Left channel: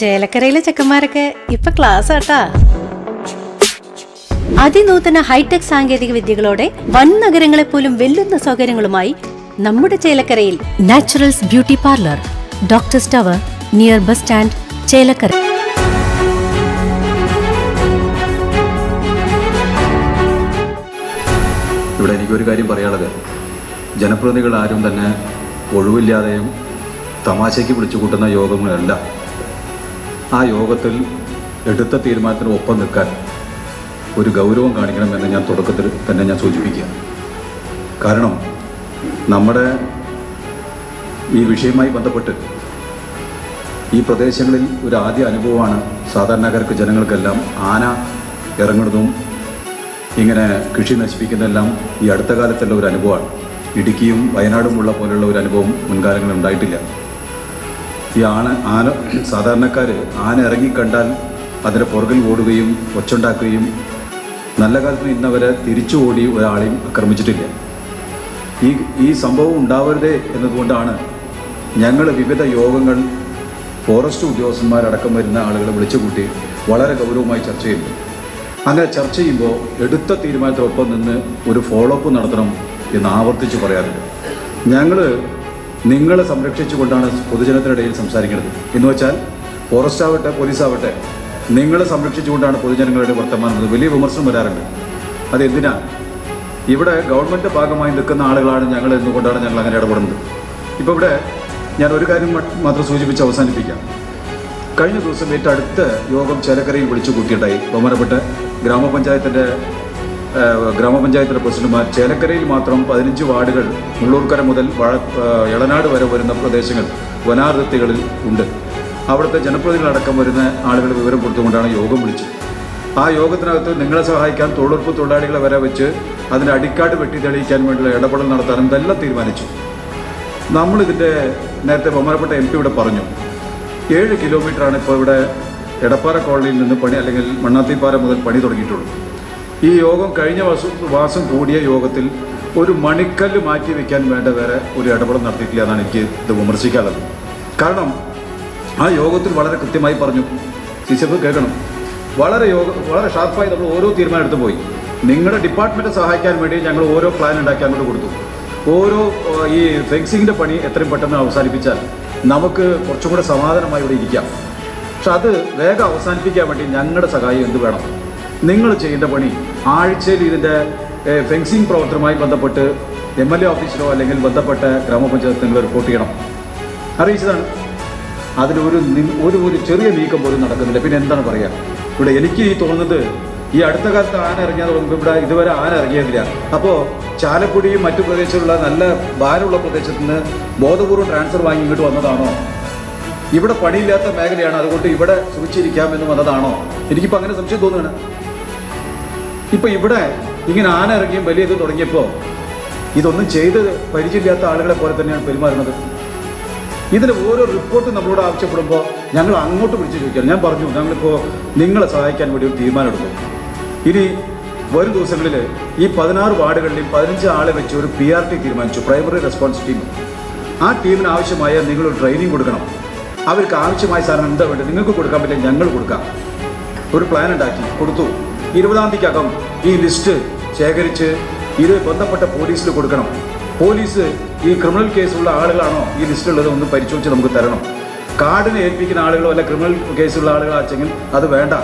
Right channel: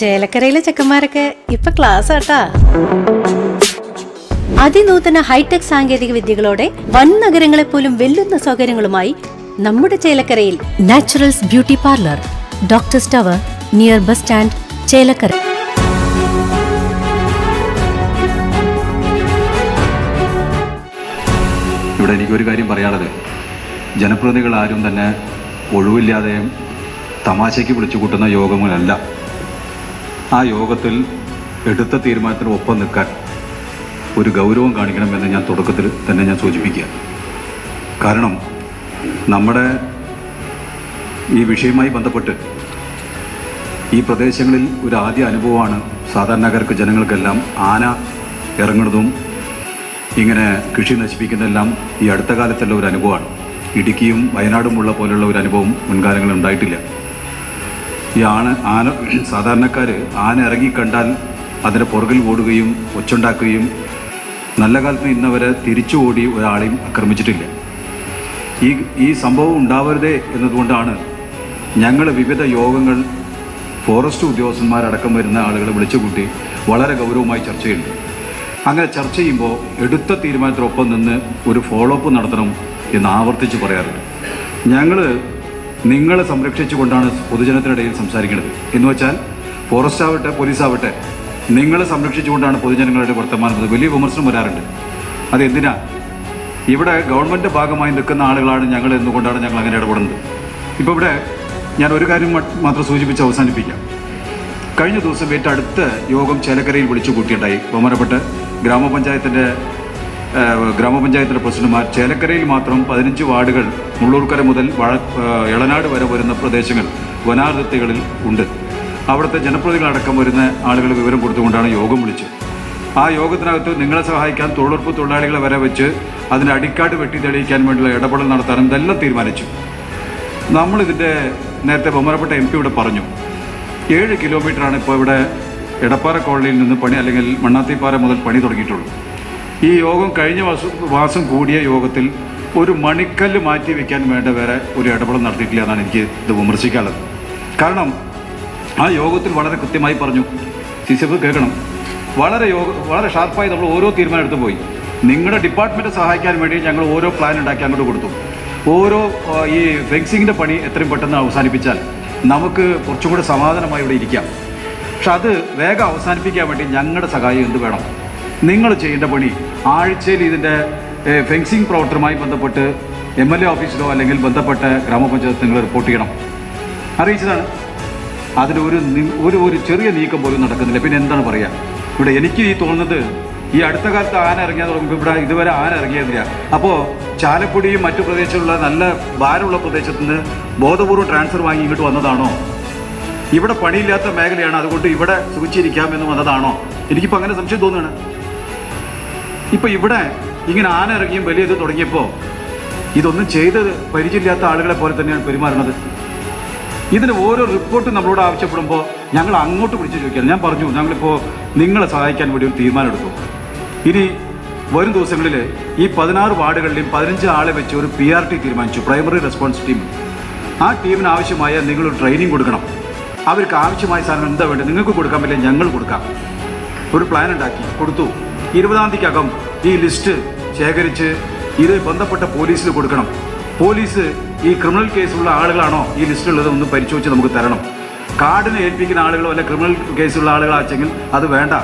ചേലക്കരയിലെ ചെക്കന്മാരൊക്കെ ഇപ്പൊ ക്ലാസ് ആട്ടാ. അതിനൂതന ഹൈടെക് സാങ്കേതിക വിദ്യകളോടെ വൻ നഗരങ്ങളെ പോലും വെല്ലുന്ന സൗകര്യങ്ങളുമായി നമ്മുടെ ചേലക്കരയിൽ naturals beauty parlour doctor tower near bus stand Chelakkara. ഇവിടെ എനിക്കൊരു കാര്യം പറയാനുള്ളത്. ജനപ്രതിനിധികൾ ആരും തന്നെ ഒഴിവില്ലാതെയും തമാശയ്ക്ക് വിളിച്ചു കൂട്ടുന്ന യോഗങ്ങളല്ല. ആ യോഗത്തിൽ എടുത്ത തീരുമാനത്തിന് ഒപ്പം നിൽക്കാൻ ഒരു ഗൗരവം കാണിക്കണമെന്ന് ഞാൻ തുടക്കത്തിൽ തന്നെ ഞാൻ സൂചിപ്പിക്കുക. കാരണം നമ്മുടെ ഈ വിഷയവുമായി ബന്ധപ്പെട്ട് ഈ പ്രദേശങ്ങളിൽ ഒരു ആദ്യ അനുഭവമാണ് സാധാരണക്കാർക്ക് ജനങ്ങൾക്കെല്ലാം ആന ഇറങ്ങുന്നതും ഇങ്ങനെ കൃഷി നശിപ്പിക്കുന്നതെല്ലാം ഈ അടുത്ത കാലത്തുള്ള ഒരു അനുഭവമാണ്. ഇടുക്കിയും വയനാടുമുള്ള പോലുള്ള ഒരു അനുഭവം മുൻകാലങ്ങളിൽ ഉണ്ടായിട്ടില്ല. ഈ ആണ് ആന സാധാരണക്കാർ ആന ഇറങ്ങി കണ്ടാൽ അതിന്റെ പുറകിൽ ഓടുകയും ഒച്ചുണ്ടാക്കുകയും നല്ല കാലത്തിന് ഇന്നവരെ തിരിച്ചു ഓടി ഒരാളെയും ആക്രമിച്ചിട്ടില്ല. ഈ ഈ സംഭവം ഉണ്ടാവരുതേ എന്നതുകൊണ്ടാണ് ഞങ്ങൾ വിവിധ യോഗങ്ങൾ ഫോറസ്റ്റ് ഉദ്യോഗസ്ഥന്മാരടക്കം വരുന്ന ആളുകളെ വിളിച്ചുകൂട്ടി വളരെ ഗൗരവമായി ചർച്ച ചെയ്യുന്നു. അങ്ങനെ ചർച്ച ചെയ്യുമ്പോൾ എടുത്ത തീരുമാനത്തിനൊപ്പം നിന്ന് ഒരു ഫോളോ അപ്പ് നടത്തണം എന്ന് ആവർത്തിച്ച് പറയാറുണ്ട്. ഞങ്ങൾ നിങ്ങളെ സംരക്ഷിച്ചുകൊണ്ടാണ് പൊതുജനത്തിനിടയിൽ സംസാരിക്കുന്നത്. എന്ന് വെച്ചാൽ ഫോറസ്റ്റ് ആവട്ടെ പോലീസ് ആവട്ടെ നിങ്ങളെ സംരക്ഷിച്ചുകൊണ്ടാണ് പൊതുജനങ്ങളുടെ വർത്തമാനം വലിയ വിമർശനം വരാറുണ്ട്. അതെന്തിനാ? ഇവിടെ ഗവൺമെന്റ് ഭാഗമായി നിൽക്കുന്ന ആളുകളാണ് ഞങ്ങൾ എന്തുകൊണ്ടാണ് ഞങ്ങൾ അങ്ങനെ ഇടപെടുന്നത്. ഇപ്പോൾ ഇവിടെ ഞാൻ ഒരു കാര്യം മാത്രം സൂചിപ്പിച്ച് അവസാനിപ്പിക്കാം. കഴിഞ്ഞ ദിവസം ഏറ്റവും അടുത്ത യോഗം ചേലക്കരയിൽ വിളിച്ചു കൂട്ടിയിട്ടുണ്ടായി ബഹുമാനപ്പെട്ട ഗ്രാമപഞ്ചായത്തിന്റെ ഗ്രാമപഞ്ചായത്തിലെ പ്രസിഡന്റുമാർ ചേലക്കരയിൽ മാത്രം പതിനഞ്ച് വാർഡുകൾ മുള്ളൂർക്കര മുതൽ വഴ എളനാട് വരെ വരുന്ന പ്രദേശങ്ങൾ വനാതിർത്തികളിൽ ഉണ്ട്. അവിടുത്തെ ജനപ്രതിനിധികളടക്കം വരുന്ന ആളുകൾ വിവരം കൊടുത്തുകൊണ്ടാണ് യോഗം വിളിച്ചത്. ആ യോഗത്തിനകത്ത് നിങ്ങളെ സഹായിക്കാൻ തൊഴിലുറപ്പ് തൊഴിലാളികളെ വരെ വെച്ച് അതിന്റെ അടിക്കാട്ട് വെട്ടി തെളിയിക്കാൻ വേണ്ടിയുള്ള ഇടപെടൽ നടത്താനും ഇതെല്ലാം തീരുമാനിച്ചു. നമ്മളിതിന്റെ നേരത്തെ ബഹുമാനപ്പെട്ട എം പി ഇവിടെ പറഞ്ഞു. ഏഴ് കിലോമീറ്ററാണ് ഇപ്പോൾ ഇവിടെ എടപ്പാറ കോളനിയിൽ നിന്ന് പണി അല്ലെങ്കിൽ മണ്ണാത്തിപ്പാറ മുതൽ പണി തുടങ്ങിയിട്ടുള്ളൂ. ഈ യോഗം കഴിഞ്ഞ മാസം കൂടിയ യോഗത്തിൽ ഒരു മണിക്കല്ല് മാറ്റി വെക്കാൻ വേണ്ട വേറെ ഒരു ഇടപെടൽ നടത്തിയിട്ടില്ല എന്നാണ് എനിക്ക് ഇത് വിമർശിക്കാനുള്ളത്. കാരണം ആ യോഗത്തിൽ വളരെ കൃത്യമായി പറഞ്ഞു. ടീച്ചർ കേൾക്കണം. വളരെ യോഗ വളരെ ഷാർപ്പായി നമ്മൾ ഓരോ തീരുമാനം എടുത്തു പോയി. നിങ്ങളുടെ ഡിപ്പാർട്ട്മെന്റ് സഹായിക്കാൻ വേണ്ടി ഞങ്ങൾ ഓരോ പ്ലാൻ ഉണ്ടാക്കി അങ്ങോട്ട് കൊടുത്തു. ഓരോ ഈ ഫെൻസിങ്ങിന്റെ പണി എത്രയും പെട്ടെന്ന് അവസാനിപ്പിച്ചാൽ നമുക്ക് കുറച്ചും കൂടെ സമാധാനമായി ഇവിടെ ഇരിക്കാം. പക്ഷെ അത് വേഗം അവസാനിപ്പിക്കാൻ വേണ്ടി ഞങ്ങളുടെ സഹായം എന്ത് വേണം? നിങ്ങൾ ചെയ്യേണ്ട പണി ആഴ്ചയിൽ ഇതിന്റെ ഫെൻസിങ് പ്രവർത്തനവുമായി ബന്ധപ്പെട്ട് എം എൽ എ ഓഫീസിലോ അല്ലെങ്കിൽ ബന്ധപ്പെട്ട ഗ്രാമപഞ്ചായത്ത് നിങ്ങൾ റിപ്പോർട്ട് ചെയ്യണം. അറിയിച്ചതാണ്. അതിന് ഒരു ഒരു ചെറിയ നീക്കം പോലും നടക്കുന്നില്ല. പിന്നെ എന്താണ് പറയുക ഇവിടെ എനിക്ക് ഈ തോന്നുന്നത് ഈ അടുത്ത കാലത്ത് ആന ഇറങ്ങിയാൽ തുടങ്ങുമ്പോൾ ഇവിടെ ഇതുവരെ ആന ഇറങ്ങിയതില്ല അപ്പോൾ ചാലക്കുടിയും മറ്റു പ്രദേശത്തുള്ള നല്ല ഭാരമുള്ള പ്രദേശത്ത് നിന്ന് ബോധപൂർവം ട്രാൻസ്ഫർ വാങ്ങി ഇങ്ങോട്ട് വന്നതാണോ? ഇവിടെ പണിയില്ലാത്ത മേഖലയാണ്. അതുകൊണ്ട് ഇവിടെ സുഖിച്ചിരിക്കാം എന്ന് വന്നതാണോ? എനിക്കിപ്പോൾ അങ്ങനെ സംശയം തോന്നുകയാണ്. ഇപ്പൊ ഇവിടെ ഇങ്ങനെ ആന ഇറങ്ങിയും വലിയ ഇത് തുടങ്ങിയപ്പോൾ ഇതൊന്നും ചെയ്ത് പരിചയമില്ലാത്ത ആളുകളെ പോലെ തന്നെയാണ് പെരുമാറുന്നത്. ഇതിന് ഓരോ റിപ്പോർട്ട് നമ്മളോട് ആവശ്യപ്പെടുമ്പോൾ ഞങ്ങൾ അങ്ങോട്ട് വിളിച്ച് ചോദിക്കുകയാണ്. ഞാൻ പറഞ്ഞു ഞങ്ങളിപ്പോൾ നിങ്ങളെ സഹായിക്കാൻ വേണ്ടി ഒരു തീരുമാനം ഇനി വരും ദിവസങ്ങളിൽ ഈ പതിനാറ് വാർഡുകളിലും പതിനഞ്ച് ആളെ വെച്ച് ഒരു പി ആർ ടി തീരുമാനിച്ചു പ്രൈമറി റെസ്പോൺസ് ടീം ആ ടീമിന് ആവശ്യമായ നിങ്ങളൊരു ട്രെയിനിങ് കൊടുക്കണം. അവർക്ക് ആവശ്യമായ സാധനം എന്താ വേണ്ടത്? നിങ്ങൾക്ക് കൊടുക്കാൻ പറ്റില്ല ഞങ്ങൾ കൊടുക്കാം. ഒരു പ്ലാൻ ഉണ്ടാക്കി കൊടുത്തു. ഇരുപതാം തീയതിക്കകം ഈ ലിസ്റ്റ് ശേഖരിച്ച് ഇത് ബന്ധപ്പെട്ട പോലീസിൽ കൊടുക്കണം. പോലീസ് ഈ ക്രിമിനൽ കേസുള്ള ആളുകളാണോ ഈ ലിസ്റ്റിലുള്ളത് ഒന്ന് പരിശോധിച്ച് നമുക്ക് തരണം. കാർഡിനെ ഏൽപ്പിക്കുന്ന ആളുകളോ അല്ല ക്രിമിനൽ കേസുള്ള ആളുകളാച്ചെങ്കിൽ അത് വേണ്ട.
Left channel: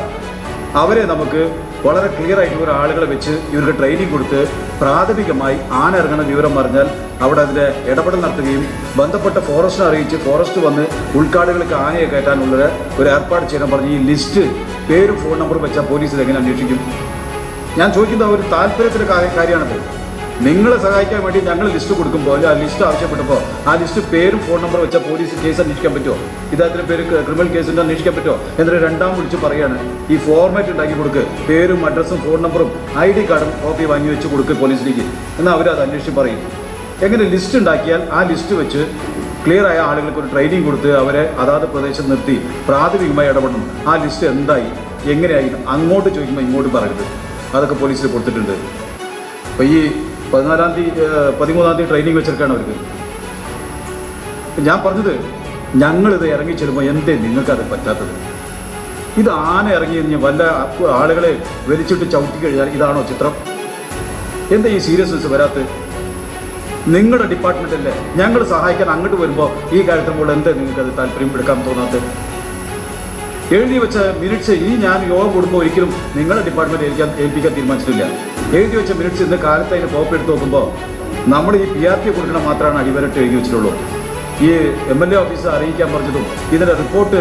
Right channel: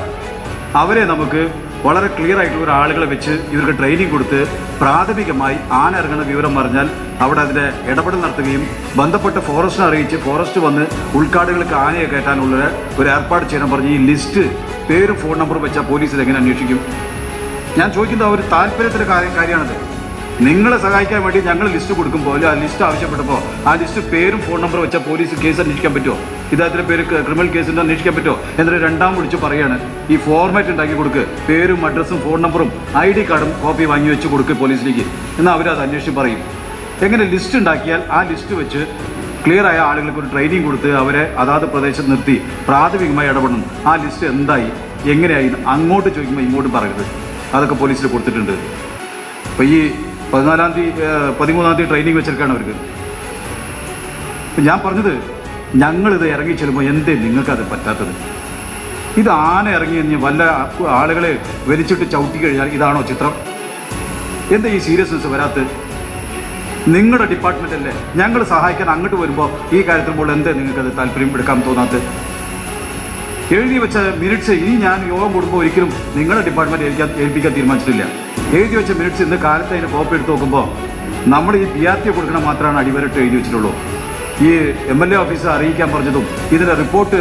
അവരെ നമുക്ക് വളരെ ക്ലിയർ ആയിട്ടുള്ള ആളുകളെ വെച്ച് ഇവർക്ക് ട്രെയിനിങ് കൊടുത്ത് പ്രാഥമികമായി ആന ഇറങ്ങുന്ന വിവരം പറഞ്ഞാൽ അവിടെ അതിന്റെ ഇടപെടൽ നടത്തുകയും ബന്ധപ്പെട്ട ഫോറസ്റ്റിനെ അറിയിച്ച് ഫോറസ്റ്റ് വന്ന് ഉൾക്കാടുകൾക്ക് ആനയെ കയറ്റാനുള്ള ഒരു ഏർപ്പാട് ചെയ്യണം പറഞ്ഞ് ഈ ലിസ്റ്റ് പേരും ഫോൺ നമ്പറും വെച്ചാൽ പോലീസിൽ എങ്ങനെ അന്വേഷിക്കും? ഞാൻ ചോദിക്കുന്ന ഒരു താല്പര്യത്തിന്റെ കാര്യം കാര്യമാണത്. നിങ്ങളെ സഹായിക്കാൻ വേണ്ടി ഞങ്ങൾ ലിസ്റ്റ് കൊടുക്കുമ്പോൾ ആ ലിസ്റ്റ് ആവശ്യപ്പെട്ടപ്പോൾ ആ ലിസ്റ്റ് പേരും ഫോൺ നമ്പർ വെച്ചാൽ പോലീസ് കേസ് അന്വേഷിക്കാൻ പറ്റുമോ ഇദ്ദേഹത്തിന്റെ പേര് ക്രിമിനൽ കേസിന്റെ അന്വേഷിക്കാൻ പറ്റുമോ എന്നിട്ട് രണ്ടാം വിളിച്ച് പറയാണ് ഈ ഫോർമാറ്റ് ഉണ്ടാക്കി കൊടുക്ക്. പേരും അഡ്രസ്സും ഫോൺ നമ്പറും ഐ ഡി കാർഡും കോപ്പി വാങ്ങി വെച്ച് കൊടുക്ക് പോലീസിലേക്ക്. എന്നാൽ അവരത് അന്വേഷിച്ച് പറയും. എങ്ങനെ ലിസ്റ്റ് ഉണ്ടാക്കിയാൽ ആ ലിസ്റ്റ് വെച്ച് ക്ലിയർ ആയ ആളുകൾക്ക് ഒരു ട്രെയിനിങ് കൊടുത്ത് അവരെ അതാത് പ്രദേശത്ത് നിർത്തി പ്രാഥമികമായി ഇടപെടണം. ആ ലിസ്റ്റ് എന്തായി എങ്ങനെയായി അങ്ങോട്ട് ചോദിക്കുമ്പോൾ ഇങ്ങോട്ട് പറയരുത്. അതൊക്കെ പോലീസിൽ കൊടുത്തിട്ടുണ്ട്. അപ്പോൾ ഈ പതിനാലാം തീയതി പതിമൂന്നാം തീയതി ട്രെയിനിങ് വെച്ചിരിക്കുകയാണ് അവർക്ക്. ഞാൻ പറഞ്ഞത് ഞങ്ങളിത് ഇറങ്ങി ചെല്ലുമ്പോൾ എന്തേ നിങ്ങൾക്കത് പറ്റാത്തത്? ഇത് ആന ഇറങ്ങി കഴിഞ്ഞ് വല്ല ആളുകളെ വലിച്ചിട്ട് ചവിട്ടി കഴിഞ്ഞാൽ ഇതാണോ ചിത്രം? എന്താ ഈ സീരിയസ്നെസ് വരാത്തത്? നിങ്ങളുടെ ഡിപ്പാർട്ട്മെന്റ് അല്ലേ? ഞങ്ങൾ സഹായിക്കാൻ അങ്ങോട്ട് വരുമ്പോൾ ഈ കാര്യത്തിൽ പോലും എന്താ നിങ്ങൾക്കത് താല്പര്യം എടുക്കാൻ തോന്നാത്തത്? എഴുതി വെച്ച മിനിറ്റ്സ് ഇനി ഞാൻ യോഗം കൂടുമ്പോൾ ഒരിക്കലും നിങ്ങളുടെ ഡിപ്പാർട്ട്മെന്റ് ഏൽക്കാൻ ഏൽപ്പിക്കാൻ തീരുമാനിച്ചിട്ടില്ല. എഴുതി വെച്ച മിനിറ്റ്സ് ഇന്ന് കാലത്ത് അതിന് കോപ്പി എടുത്ത് നോക്കുമ്പോൾ നമ്മൾ ഈ പി ആർ ടി കൊടുക്കണം മാത്രമാണ് അടിവരട്ട് എഴുതി വെച്ചിട്ടുള്ളൂ. ഈ എം എൽ എ ഓഫീസ് അറിയിക്കാൻ പറഞ്ഞതും ഇതിന്റെ റിപ്പോർട്ട്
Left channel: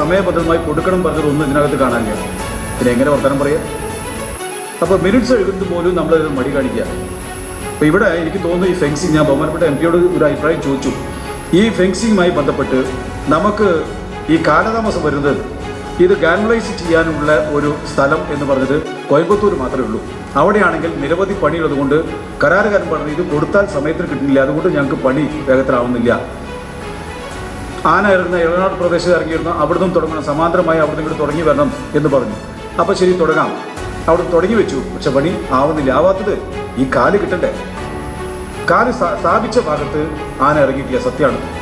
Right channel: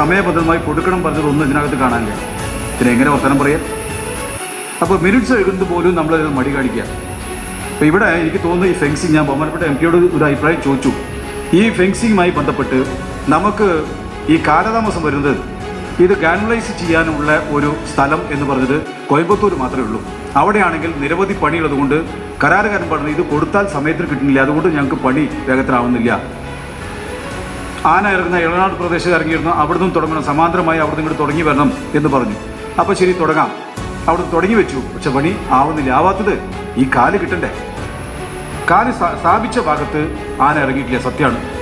സമയബദ്ധമായി കൊടുക്കണം പറഞ്ഞതും ഒന്നും ഇതിനകത്ത് കാണാനില്ല. പിന്നെ എങ്ങനെ വർത്തനം പറയാം? അപ്പോൾ മിനിറ്റ്സ് എഴുതുന്നത് പോലും നമ്മൾ മടി കാണിക്കുക. അപ്പോൾ ഇവിടെ എനിക്ക് തോന്നുന്നു ഈ ഫെൻസിങ് ഞാൻ ബഹുമാനപ്പെട്ട എം പിയോട് ഒരു അഭിപ്രായം ചോദിച്ചു. ഈ ഫെൻസിങ്ങുമായി ബന്ധപ്പെട്ട് നമുക്ക് ഈ കാലതാമസം വരുന്നത് ഇത് ഗാനലൈസ് ചെയ്യാനുള്ള ഒരു സ്ഥലം എന്ന് പറഞ്ഞത് കോയമ്പത്തൂർ മാത്രമേ ഉള്ളൂ. അവിടെയാണെങ്കിൽ നിരവധി പണിയുള്ളത് കൊണ്ട് കരാറുകാരൻ പറഞ്ഞു ഇത് കൊടുത്താൽ സമയത്തിന് കിട്ടുന്നില്ല. അതുകൊണ്ട് ഞങ്ങൾക്ക് പണി വേഗത്തിലാവുന്നില്ല. ആന ഇറങ്ങുന്ന ഇളനാട് പ്രദേശത്ത് ഇറങ്ങിയിരുന്നു. അവിടുന്ന് തുടങ്ങണം. സമാന്തരമായി അവിടുന്ന് ഇങ്ങോട്ട് തുടങ്ങി വരണം എന്ന് പറഞ്ഞു. അപ്പോൾ ശരി തുടങ്ങാം. അവിടെ തുടങ്ങി വെച്ചു. പക്ഷെ പണി ആവുന്നില്ല. ആവാത്തത് ഈ കാൽ കിട്ടണ്ടേ? കാൽ സ്ഥാ- സ്ഥാപിച്ച ഭാഗത്ത് ആന ഇറങ്ങിയിട്ടില്ല. സത്യമാണ്.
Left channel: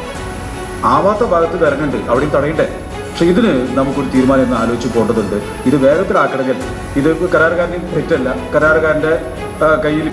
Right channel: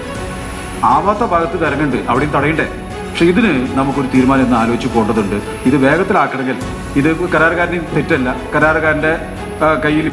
ആവാത്ത ഭാഗത്ത് ഇത് ഇറങ്ങുന്നുണ്ട് അവിടെയും തടയണ്ടേ? പക്ഷെ ഇതിന് നമുക്കൊരു തീരുമാനം എന്ന് ആലോചിച്ച് പോകേണ്ടതുണ്ട്. ഇത് വേഗത്തിലാക്കണമെങ്കിൽ ഇത് കരാറുകാരന്റെ തെറ്റല്ല. കരാറുകാരന്റെ കയ്യിൽ